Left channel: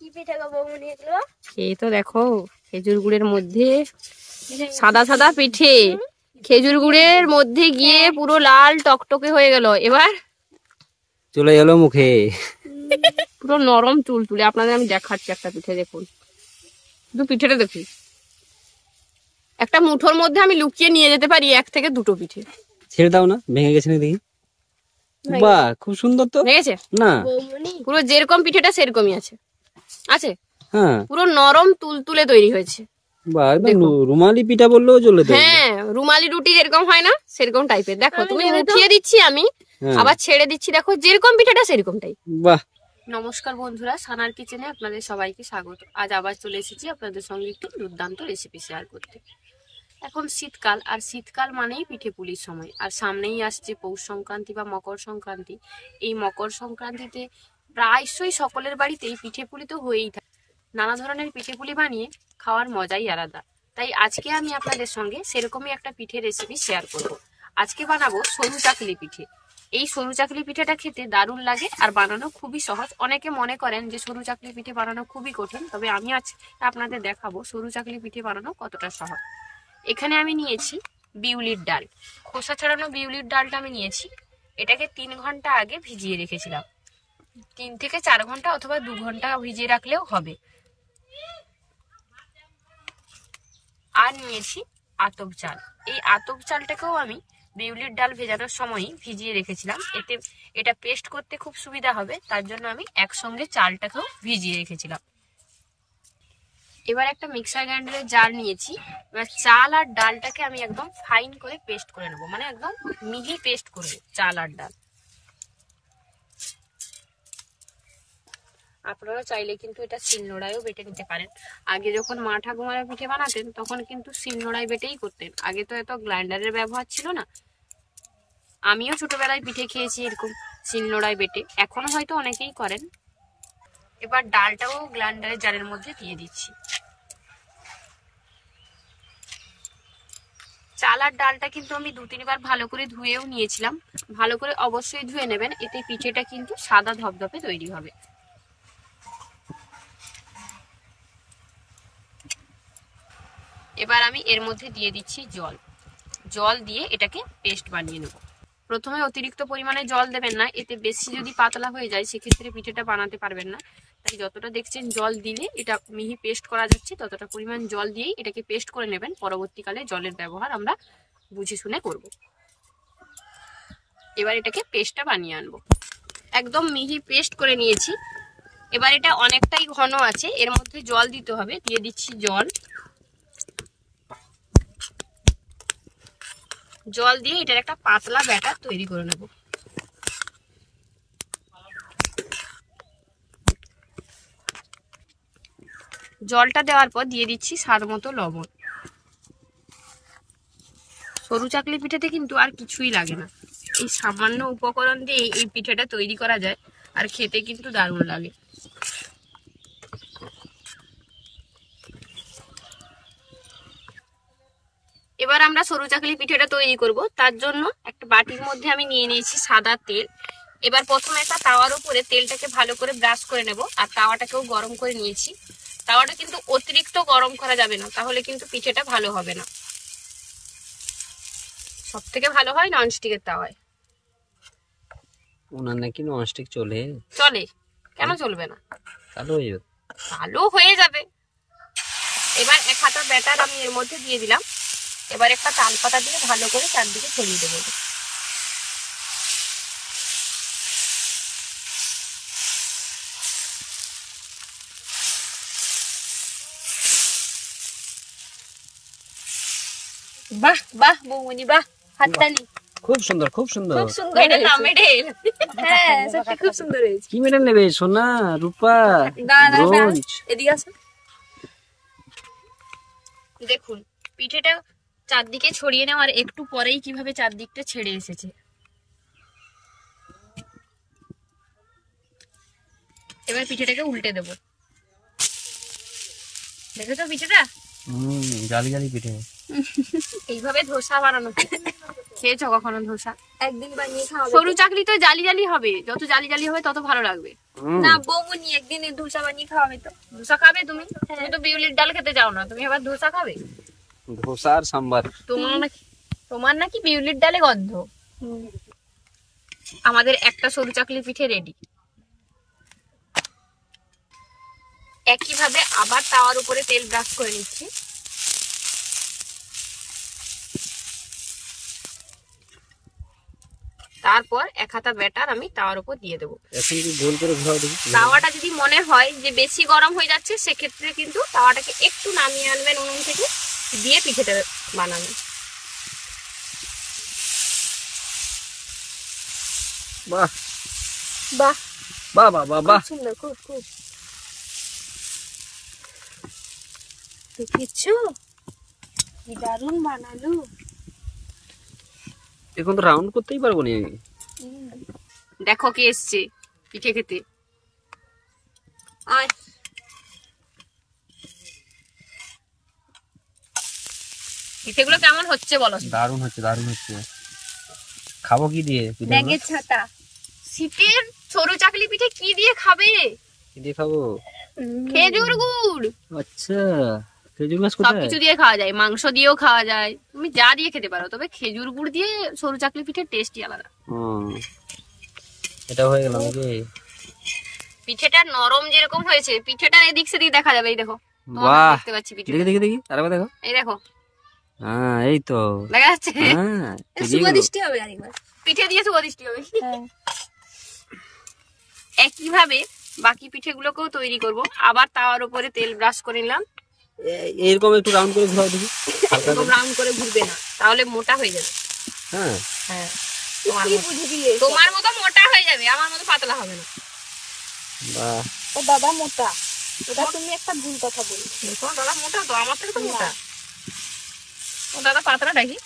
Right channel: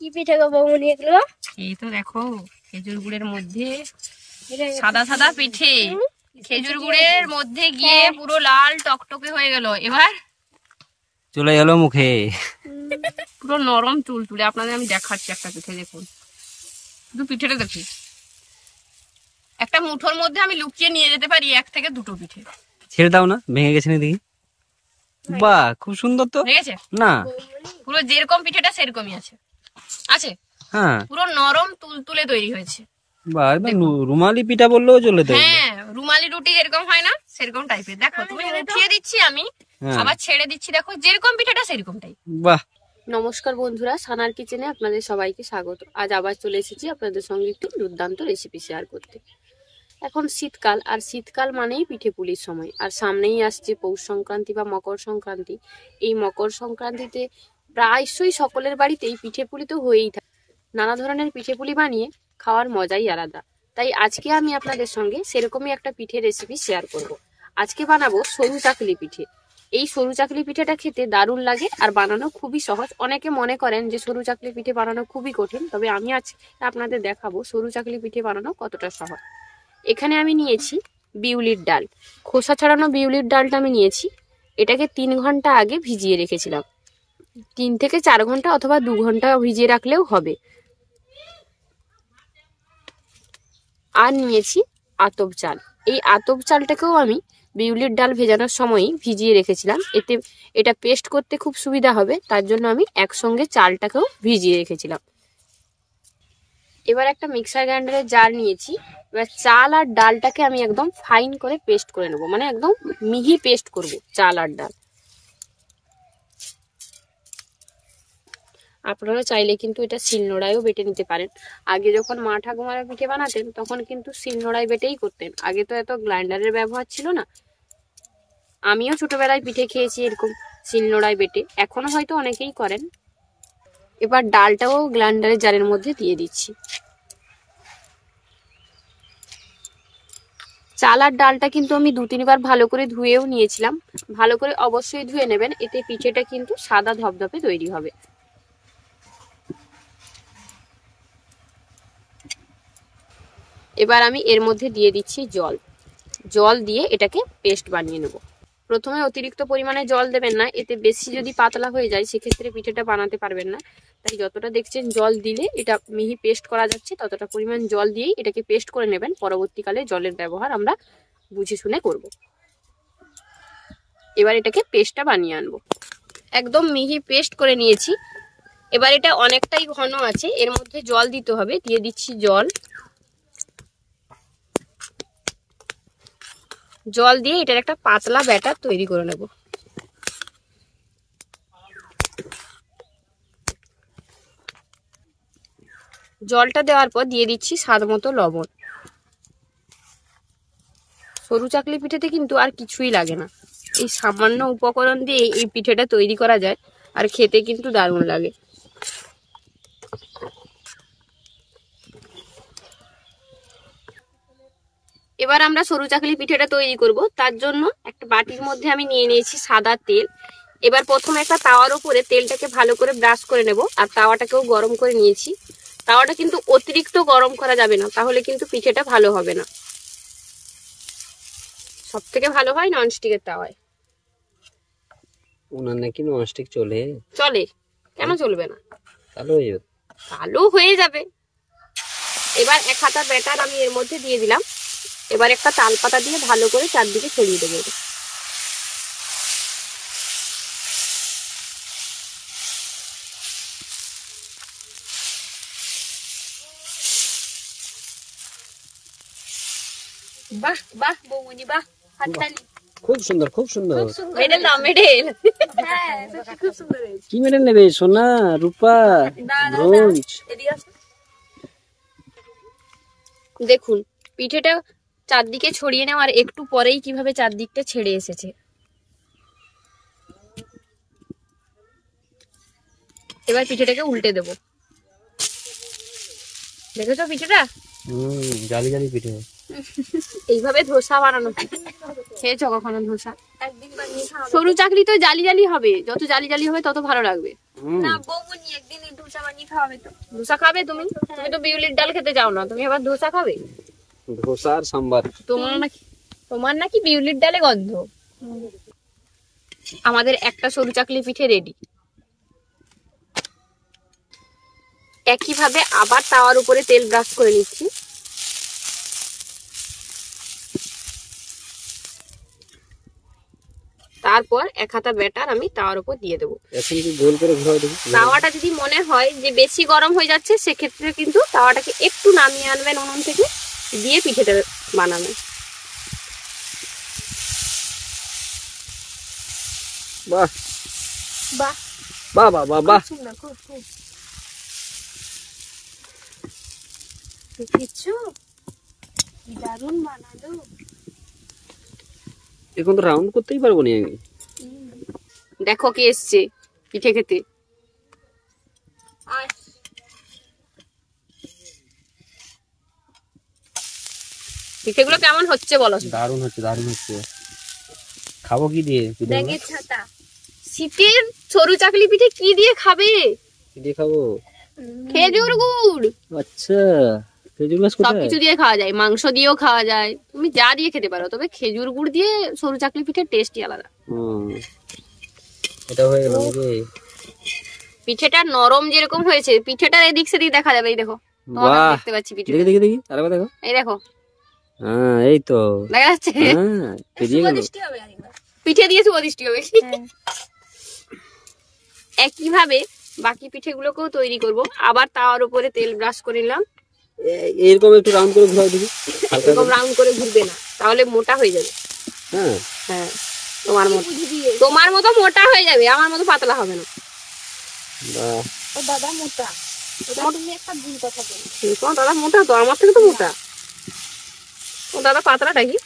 কি পিঠে গো বৌমনি এগুলো? এই তো দেখো খেজুর গুড়ের মধ্যে সাদা সাদা পিঠে, খেজুর গুড়ের মধ্যে গিয়ে পুরো লাল টকটকে হয়ে গেল। এবার চলে গেল মুখে, পুরো নরম চুল তুলে। আপনাদের আমি দেখাচ্ছি একটা পিঠে, দেখুন শুধু পিঠেটা দেখুন। একটা মুঠোর মধ্যে আমি লুকিয়ে নিয়ে যেতে পারি 1 থেকে 2টো পিঠে। ছেড়ে দাও না, ভেঙে গেছে না দেখি। বাহ, খুব সুন্দর তো। ভেঙেছে না, পুরো যেরকম পিঠেটা সেরকমই আছে। আছে, হ্যাঁ, পুরো নরম তুলতুলে তৈরি হয়েছে। বাহ, একদম রুমালি পিঠা বললেও চলে তো। হ্যাঁ, রুমালি রুটি যেরকম হয় না সেরকম টাইপের। দেখো তুমি মুঠিয়ে দিচ্ছি আমি, আবার ছেড়ে দিচ্ছি, দেখো যেরকম পিঠাটা সেরকমটাই। বাহ। নমস্কার বন্ধুরা, সানার কিচেনে আপনাদের সবাইকে স্বাগত। আজ আবার চলে এসেছি আপনাদের সঙ্গে একটি দুর্দান্ত রেসিপি শেয়ার করতে। এখন শীতকাল, আর শীতকাল মানেই পিঠে পুলির সময়। আর সামনেই আসছে পৌষ সংক্রান্তি বা মকর সংক্রান্তি। এই মকর সংক্রান্তিতে প্রায়শই সকলের বাড়িতেই পিঠে পুলি তো হয়েই থাকে। নানা ধরনের পিঠে পুলি বানিয়ে খাওয়ার মজাই আলাদা। তাই আজকে আমি আপনাদের সঙ্গে সেরকমই একটা পিঠে রেসিপি শেয়ার করব। আজকে বানাবো সরু চাকলি পিঠে। এই সরু চাকলি পিঠেটা খেতে দারুণ লাগে আর বানানো খুবই সহজ। অনেকে মনে করেন যে সরু চাকলি পিঠে বানানো খুবই কঠিন, তবে আমি আজ আপনাদের দেখাবো সরু চাকলি পিঠে বানানো কতটা সহজ। এখানে আমি নিয়েছি বিউলির ডাল, খোসা ছাড়ানো বিউলির ডালটা আমি নিয়েছি। এটাকে 3 ঘন্টা আগে ভিজিয়ে রেখেছিলাম। 3 থেকে 4 ঘন্টা অথবা 2 ঘন্টা ভিজিয়ে রাখলেও হবে। আর নিয়েছি আতপ চাল। এই আতপ চালটাকেও আমি বিউলির ডাল ভেজানোর সময়ই ভিজিয়ে রেখেছিলাম। এটা পেস্ট করতে খুব সুবিধা হবে, তার জন্য আমি একসঙ্গে চালটাকেও ভিজিয়ে রেখেছিলাম। এবার একটা মিক্সার গ্রাইন্ডারের জার নিয়েছি। এবার চাল আর ডালটাকে আমি একদম ফাইন করে পেস্ট করে নেব, মানে একদম মিহি পেস্ট করব চাল আর ডাল। আপনারা চাইলে কিন্তু এটা শিলনোড়ায়ও বেটে নিতে পারেন। আগে যখন মা ঠাকুমারা পিঠে বানাতেন তখন কিন্তু শিলনোড়ায় বেটেই করতেন। আগে তো এত গ্রাইন্ডারের ব্যবহার ছিল না। আমিও ছোটবেলায় পিঠে খেয়েছি এরকম শিলনোড়ায় বেটে, এখনো হয়তো অনেকেই করেন। এবার ডালটাও গ্রাইন্ডারের জারের মধ্যে দিয়ে দিচ্ছি। চাল আর ডালটা কিন্তু আমি 2-3 বার ভালো করে ধুয়েও নিয়েছিলাম। ভালো করে অবশ্যই ধুয়ে নেবেন, এতে পিঠেটা কিন্তু সাদা ধপধপে তৈরি হবে। এবার আমি এর মধ্যে দিয়ে দিচ্ছি জল। জল দিয়ে এটাকে পেস্ট বানিয়ে নেব। প্রথমে অতিরিক্ত পরিমাণে জল দেবেন না, এতে বেশি যদি পাতলা হয়ে যায় সেক্ষেত্রে পিঠেটা বানাতে পারবেন না। তাই যতটা দেখছেন জল দিলে এটা মিহি পেস্ট করা যাচ্ছে ততটা পরিমাণ জল দিয়েই এটাকে পেস্ট করে নেবেন। পরবর্তীকালে জলের ব্যবহার আমরা বুঝে শুনে করব। এবার এটাকে পেস্টটা বানিয়ে আনবো। একদম মিহি পেস্ট করে নিয়েছি। এবার এটা অনেকটাই ঘন আছে, এর মধ্যে জল দিতে হবে। দিয়ে দিচ্ছি জল। জল দিয়ে এটার একটা পাতলা ব্যাটার তৈরি করে নেব। জলটা দেওয়ার পর দিয়ে দিচ্ছি স্বাদ মতো লবণ। সরু চাকলি পিঠেতে কিন্তু আর কিছুই লাগে না, এই সামান্য উপকরণ দিয়ে এই পিঠেটা তৈরি করা যায়, আর খেতে কিন্তু দারুণ লাগে। এবার আমরা সরু চাকলি পিঠেটা তৈরি করব। তার জন্য একটা বাটির মধ্যে আমি নিয়ে নিয়েছি সাদা তেল। এবার প্রথমে একটা তাওয়ার উপরে তেলটাকে ভালো করে ব্রাশ করে নেব। আর তাওয়াটাকেও গরম করে নিয়েছি। তাওয়াটা কিন্তু অতিরিক্ত গরম করা যাবে না, তাহলে কিন্তু পিঠেটা ভালো হবে না। সব থেকে ভালো হয় ননস্টিকের তাওয়ায়। ওনার নাকি ননস্টিক চলে? চলে, কেন চলবে না? কালো হয়ে যাবে। কালো হয়ে যাবে। এবার 1 হাতা ব্যাটার আমি এর মধ্যে দিয়ে দিলাম। এবার একটা তাল পাতা দিয়ে ভালো করে চারদিকে ছড়িয়ে দেবো। বাহ বাহ বৌমনি, বাহ, হাততালি। খুব সুন্দর, খুব সুন্দর। মেডেল নাও, মেডেল। হ্যাঁ, সত্যি খুব সুন্দর হয়েছে। কি মেডেল নেবে? সোনা, রূপা, ব্রোঞ্জ? এদিকে আসো। দেখুন পিঠেটা চারদিকে ছড়িয়ে নেওয়ার একটু পরেই কিভাবে চারদিকটা ছেড়ে এসেছে। এবার পিঠেটাকে উল্টে দেব। দেখেছো পিঠেটা? জালি জালি পিঠে। এইভাবে ধোসা বানানো হয়। খেয়েছো কখনো ধোসা? একদিন বানিয়ে খাওয়াবে। সরু চাকলি তো জালি জালি হবে, যত জালি জালি হবে তত ভালো লাগবে। না বৌমনি একদিন ধোসা বানিয়ে খাওয়াবে তো। ধোসা খাবে তুমি? তুমি তো বিউলির ডাল খেতে যাও না, তুমি আবার ধোসা খাবে? ধোসা আর সাম্বার। তোমার নাকি বিউলির ডালে গন্ধ। আমাদের একটা সরু চাকলি পিঠে রেডি। একইভাবে আবার তাওয়ার উপরে তেল ব্রাশ করে নিচ্ছি। তারপর এক হাতা ব্যাটার আমি তাওয়ার উপর দিয়ে দেবো। এখন কি গোল করে ঘোরাও দেখি। তাওয়াটা যদি মনে হয় যে বেশি গরম হয়ে যাচ্ছে, সেক্ষেত্রে কিন্তু তাওয়াটাকে একটু নামিয়ে আনবেন উনুন থেকে, দিয়ে পিঠেটা বানাবেন। বাহ বাহ বাহ বাহ বাহ বাহ। সুন্দর, খুব খুব। দেখেছো কি দারুণ বানালো। এখন তো রাউন্ড করতেই পারবো না আমি। দেখো কে এসছে পিঠে খেতে। আর পিঠেগুলো কেমন হচ্ছে বলো? দারুণ হচ্ছে, দারুণ হচ্ছে। খাবো কি দিয়ে পিঠে? ব্যাগের ছাতা। শীতের সরু চাকলি পিঠে কি দিয়ে খাবে? কি দিয়ে খাবো? খেজুর গুড়। আচ্ছা, খেজুর গাছ কোথায়? সবকিছু দিয়ে খাওয়া যায়, মাংস দিয়েও খাওয়া যায়, তুমি যা দিয়ে খেতে পারো, তবে খেজুর গুড় দিয়ে সরু চাকলি পিঠের টেস্টই আলাদা। এটা হয়ে গেল নাকি? পিঠেটা নরম যেরকম হয়েছে, পিঠেটা এদিক সেদিক দেখা যাবে। এই দেখো, বাহ, দেখতে পাচ্ছি পিঠে। দেখি দেখি দেখি, আরেকবার দেখো। এই দেখো, হ্যাঁ এই তো দেখা যাচ্ছে। হ্যাঁ পেরিয়ে গেল। সুদৃষ্টি হবে আরেকবার। পিঠে দিয়ে সুবদিষ্টি হবে। একইভাবে বাকি পিঠেগুলোকেও তৈরি করব। আবার তাওয়ার উপরে তেল ব্রাশ করে নিলাম। এরকম একটু রাউন্ড করে ঘোরাও দেখি, হালকা এরকম করে। রাউন্ড করে ঘুরবে না, তাহলে মোটা হয়ে যাবে। হ্যাঁ হ্যাঁ, তোমার মতো মোটা হয়ে যাবে, আমার মতো পাতলা হবে না। বাহ, ও দাদা মোটা। ওটা তুমি একটা ভুল কথা বলি। তোমার দাদা মোটা তো, আমার থেকে তো মোটা। ও দাদা পাতলাটা কি?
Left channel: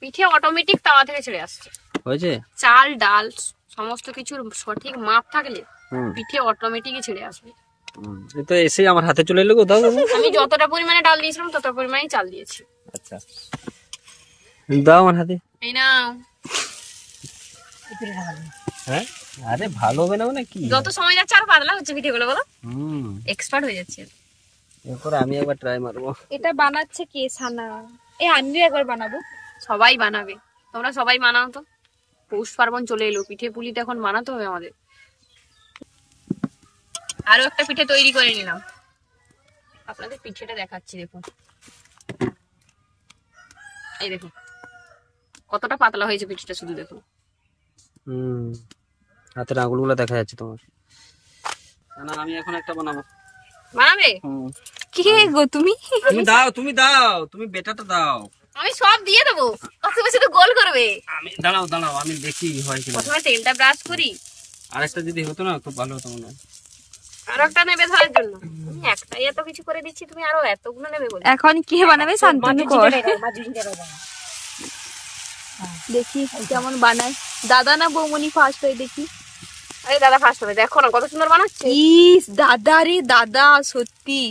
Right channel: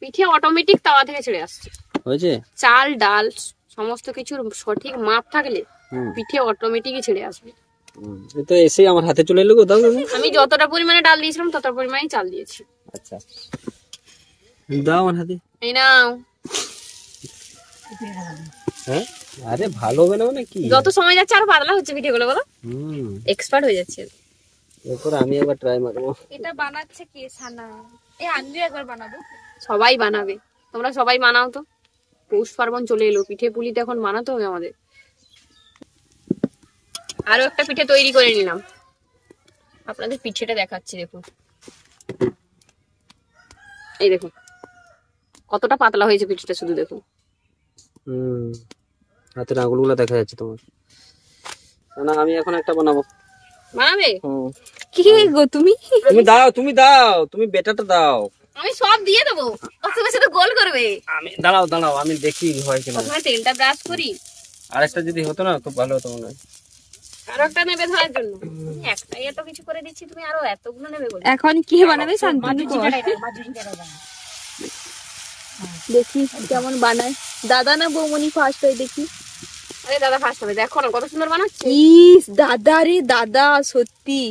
পিঠে অটোমেটিক তাওয়া থেকে ছেড়ে আসছে। হয়েছে? চাল ডাল সমস্ত কিছুর সঠিক মাপ থাকলে হুম, পিঠে অটোমেটিকই ছেড়ে আসবে। এই তো এসে আমার হাতে চলে এলো গো। দাও দাও। আমি যতটা পরিমাণে ডাল দিয়েছিলাম ততটা পরিমাণেই চাল দিয়েছি। আচ্ছা, দাও আমার হাতে। এই নাও। হ্যাঁ, আরে ভালো হবে না মানে কি? যত সময় যাচ্ছে আরো পাতলা হচ্ছে পিঠেগুলো, বলো। এক্সপার্ট হয়ে যাচ্ছে। এরপর আমি একবার ট্রাই মারবো। এটা বানাচ্ছে কে? সানা। এই আন্নি একবার বানাবো। সবাই বানাবে, তোমরা সবাই বানাও তো। পৌষ পার্বণ চলে এলো, পিঠে পুলি তো এখন বানাতে হবে আমাদের। আরো একটা পিঠে তৈরি করে নিলাম, আপনাদের পিঠেটা দেখাচ্ছি। দেখুন, এই দেখুন কতটা পাতলা হয়েছে পিঠেটা, শুধু দেখুন। হাতের আঙুলগুলো দেখা যাচ্ছে তোমার। না আমি এখন একটা বানাবো। বানাবে? কি গো তুমি? তুমি দাও, তুমি দাও, তুমি বেটাটা দাও। আমি সব দিয়ে দেবো, তুমি শুধু গোল করবে। আমি দাঁড়াও দাঁড়াও, আমি দেখি হয় কিনা। প্রথমে তেলটা ব্রাশ করি। আরেকটা যদি হতো না তো ভালো হতো মনে হয়। আরো একটা নেবে ধরার জন্য? একটাই এত কিছু করে দিচ্ছি, তুমি আরো এতগুলো নেবে বলে। এখন কে বানাবে? শান্তনু কর। দেখি কেমন বানায়। দাদা না বৌমনি ফার্স্ট হয় দেখি। আরে দাদা ফার্স্ট হবে, দেখো না কত সুন্দর বানাচ্ছে। ইস দাদা রে দাদা, সত্যি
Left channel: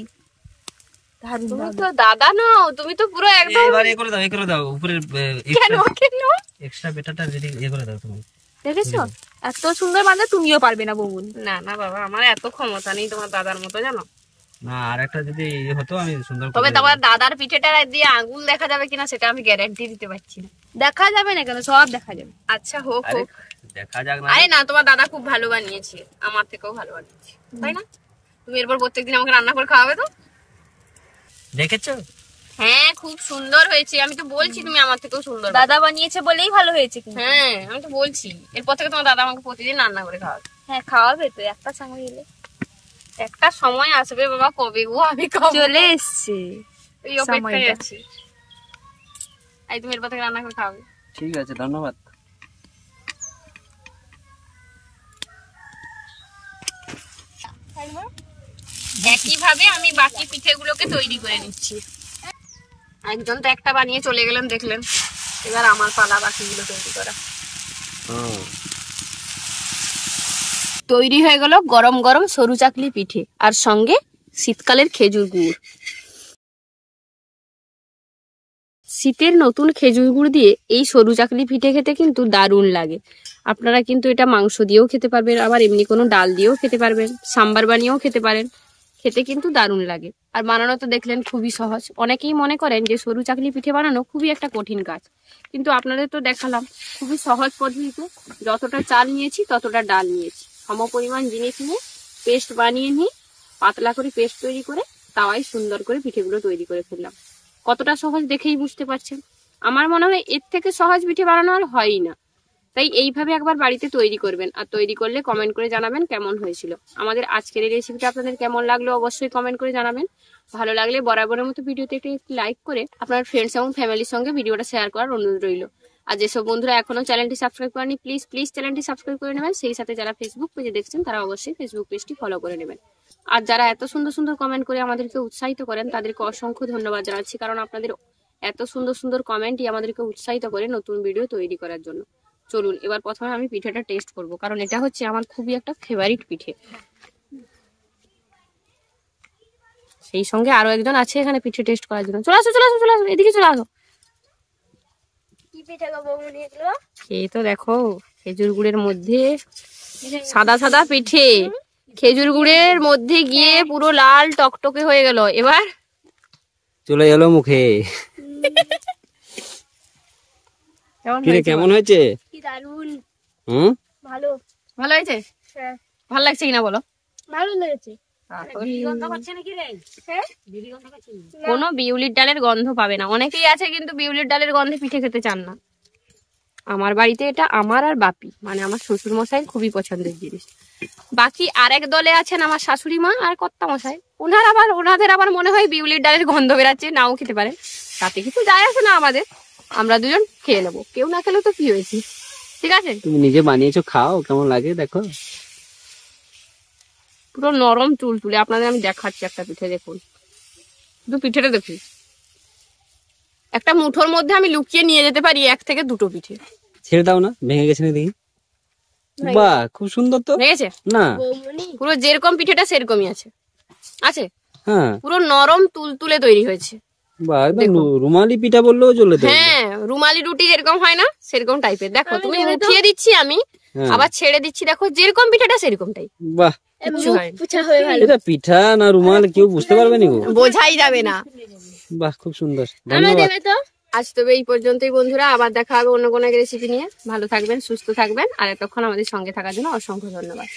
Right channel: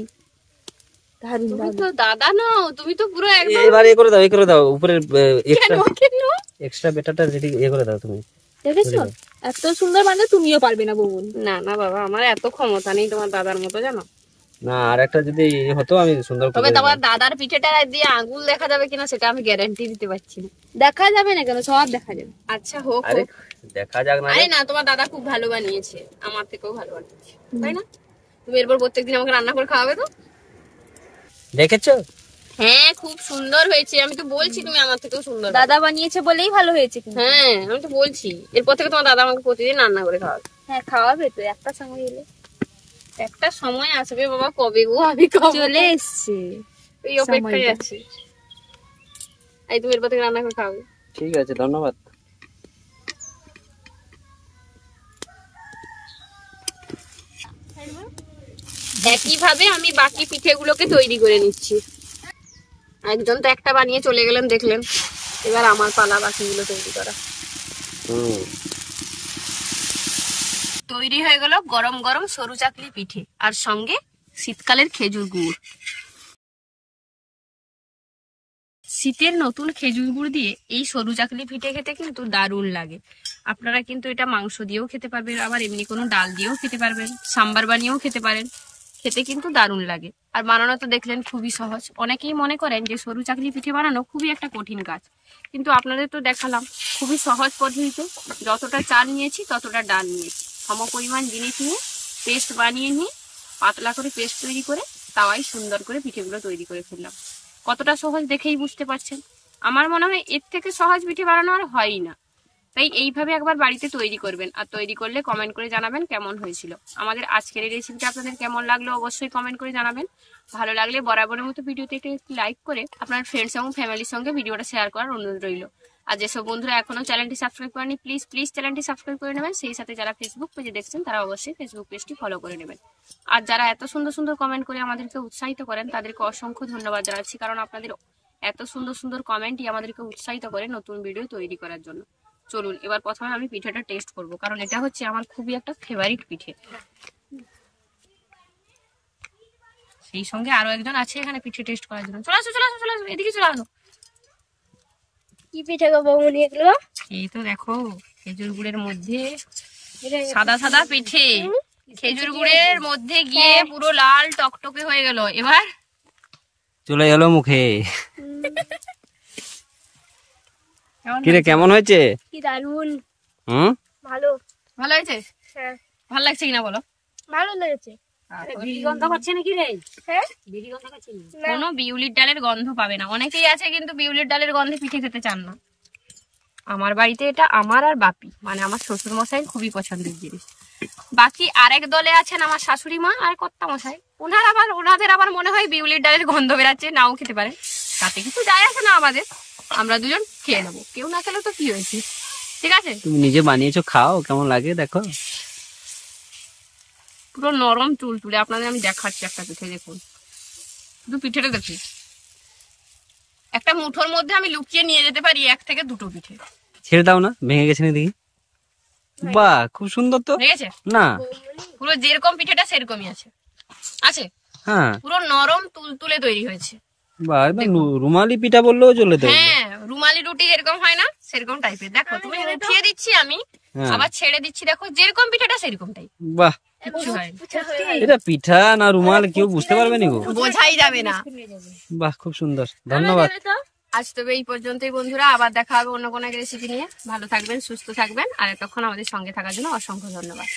দারুণ তুমি দাদা। তো দাদা নাও, তুমি তো পুরো একদম। এবার এ করে দাও, এ করে দাও, উপরে কেন কেন? এক্সট্রা বেটাটা রেডি এ করে দাও তুমি। দেখেছো এত সুন্দর বানালে তুমিও পারবে না বৌমনি। না না বাবা, আমার এত ক্ষমতা নেই তোমার দাদার মতো, জানো। না আরেকটা যদি হতো আমি সুন্দর তবে করে তোমার দাদার পিঠেটা দিয়ে আঙ্গুল দেখা যাবে কিনা সেটা আমি গ্যারান্টি দিতে পারছি না। দেখা যাবে না কেন, সব দেখা যাবে। আচ্ছা হোক আরে হোক। দেখা যাক না। আরে না, তোমার দাদা খুব ভালো বানিয়েছে, আমার থেকেও ভালো বানিয়েছে, তাই না? তুমি এরপর প্রত্যেকদিন আমাকে রান্না করে খাওয়াবে তো? দেখেছো? হ্যাঁ, খুব সুন্দর হয়েছে, আমি তো বলছি তুমি আমার থেকেও সুন্দর। দাদা বানিয়েছে বলেই ভালো হয়েছে কিন্তু। হ্যাঁ, আমি তো বলছি এরপর থেকে তোমার দাদা আমাকে প্রতিদিন রান্না করে খাওয়াবে। হ্যাঁ খাওয়াবে তো, একটা সময় এলে। একটা সময় আসবে বাবা, কবে গো? আমি কবে? চলে এসছে এই অপেক্ষায় সময়টা। আছি। এই তুমি এরপর থেকে রান্না করে খাওয়াবে। ঠিক আছে, ধন্যবাদ। একইভাবে আমি বাকি পিঠেগুলোকে তৈরি করে নিচ্ছি। একজন তো একটা বানিয়ে চলে গেলেন, দেখলেন। এবার আমার পালা বাকিগুলো তৈরি করা। তৈরি হয়ে গেল গরম গরম সরু চাকলি পিঠে, আর সঙ্গে শীতকালের খেজুর গুড়। শীতের নতুন খেজুর গুড় দিয়ে এই সরু চাকলি পিঠে খেতে কিন্তু দারুণ লাগে। আপনারা কিন্তু এটা মাংস দিয়েও খেতে পারবেন, আবার এমনি কোনো ডাল দিয়েও খেতে পারবেন, সাম্বার বানিয়েও খেতে পারেন। খেতে কিন্তু দারুণ লাগে। আর বানানো তো দেখলেন খুবই সহজ। অনেকেই মনে করেন যে সরু চাকলি পিঠে বানানো খুবই একটা কঠিন কাজ, কিন্তু আপনাদের তো দেখালাম খুবই সহজ পদ্ধতিতে। যতটা চাল নিয়েছি ততটা ডাল নিয়েছি, সম পরিমাণ জিনিস নিয়ে পেস্ট বানিয়ে নিয়ে পাতলা করে পেস্ট তৈরি করে তাওয়ায় সুন্দর করে পিঠেগুলো তৈরি করে ফেললাম। কতটা সহজ দেখেই বুঝতে পারছেন। আমার মনে হয় এর থেকে সহজ পিঠে বানানো আর হয়ই না। তাই এইভাবে একবার বাড়িতে তৈরি করবেন, আর তৈরি করলে কমেন্ট করে জানাবেন কেমন হয়েছিল। আমাদের আজকের এই রেসিপিটা আপনাদের কেমন লাগলো অবশ্যই কমেন্ট করে জানাবেন। ভালো লাগলে বরাবরের মতো ভিডিওতে একটি লাইক করে আপনার ফ্রেন্ডস এবং ফ্যামিলির সঙ্গে ভিডিওটা শেয়ার করার অনুরোধ রইল। আর যেসব বন্ধুরা এখনো চ্যানেলটি সাবস্ক্রাইব করেনি প্লিজ চ্যানেলটি সাবস্ক্রাইব করে নেবেন। সেই সাথে যারা ফেসবুক পেজে দেখছেন তারা অবশ্যই ফেসবুক পেজটি ফলো করে নেবেন। আর যারা এত সুন্দর সুন্দর কমেন্ট করে আমাদেরকে উৎসাহিত করেন তাদেরকে অসংখ্য ধন্যবাদ জানাচ্ছি, কারণ আপনাদের এত সুন্দর সুন্দর কমেন্টই আমাদেরকে উৎসাহিত করে নতুন ভিডিও তৈরি করার জন্য। চলুন এবার প্রথমে আমি পিঠেটা টেস্ট করব, কারণ এটা হচ্ছে আমার খুবই একটা ফেভারিট পিঠে। সেই সঙ্গে আরো একজন আছে এখানে পিঠে টেস্ট করার জন্য। চলে আসো এদিকে চলে আসো। কি পিঠে গো বৌমনি এগুলো? এই তো দেখো খেজুর গুড়ের মধ্যে সাদা সাদা পিঠে, খেজুর গুড়ের মধ্যে গিয়ে পুরো লাল টকটকে হয়ে গেল। এবার চলে গেল মুখে। কিরে কেমন হয়েছে? কি দারুন। ভালো হয়েছে? হ্যাঁ ভালো লাগছে কিনা বলো? ভালো লেগেছে। কোনো বিউলির ডালের গন্ধ পাবে না। অনেকেই আছে কিন্তু বিউলির ডালের গন্ধে পিঠে খেতে চান না। আমার বাড়িতে এটা আমার আর বাপি মানে আমার শ্বশুর মশাই খুবই পছন্দের জিনিস। বাকি আরেক দলে আছেন আমার শাশুড়ি মা আর কর্তা মশাই, ওনাদের আবার মনে হয় বিউলির ডালের গন্ধ বেরাচ্ছে, নাও খেতে পারে, তাতে কিছু যায় আসে না আমাদের। আমরা দুজন খেয়ে নেবো, কেউ না খেলেও তো কি হয়েছে, ঠিক আছে? তুমি নিজে বানিয়েছো, খাও কেমন লাগে দেখো। পুরো নরম তুলতুলে। আপনাদের আমি দেখাচ্ছি একটা পিঠে, দেখুন শুধু পিঠেটা দেখি। একটা মুঠোর মধ্যে আমি লুকিয়ে নিয়ে যেতে পারি 1 থেকে 2টো পিঠে। ছেড়ে দাও না, ভেঙে গেছে না দেখি। বাহ খুব সুন্দর তো। ভেঙেছে না, পুরো যেরকম পিঠেটা সেরকমই আছে। হ্যাঁ পুরো নরম তুলতুলে তৈরি হয়েছে। বাহ একদম রুমালি পিঠা বললেও চলে তো। হ্যাঁ রুমালি রুটি যেরকম হয় না সেরকম টাইপের। দেখো তুমি উঠিয়ে দিচ্ছি আমি, আবার ছেড়ে দিচ্ছি, দেখো যেরকম পিঠাটা সেরকম টাইপ। বাহ এটা পিঠা না রুমাল কেউ বুঝতে পারবে না গো, বোঝাই যাবে না। বাহ খুব সুন্দর, ধন্যবাদ। আজ তবে এই পর্যন্তই বন্ধুরা, আবার দেখা হবে অন্য কোনো এক রেসিপি নিয়ে। ভালো থাকবেন, সুস্থ থাকবেন, আর এতক্ষণ আমাদের সঙ্গে থাকার জন্য অসংখ্য ধন্যবাদ।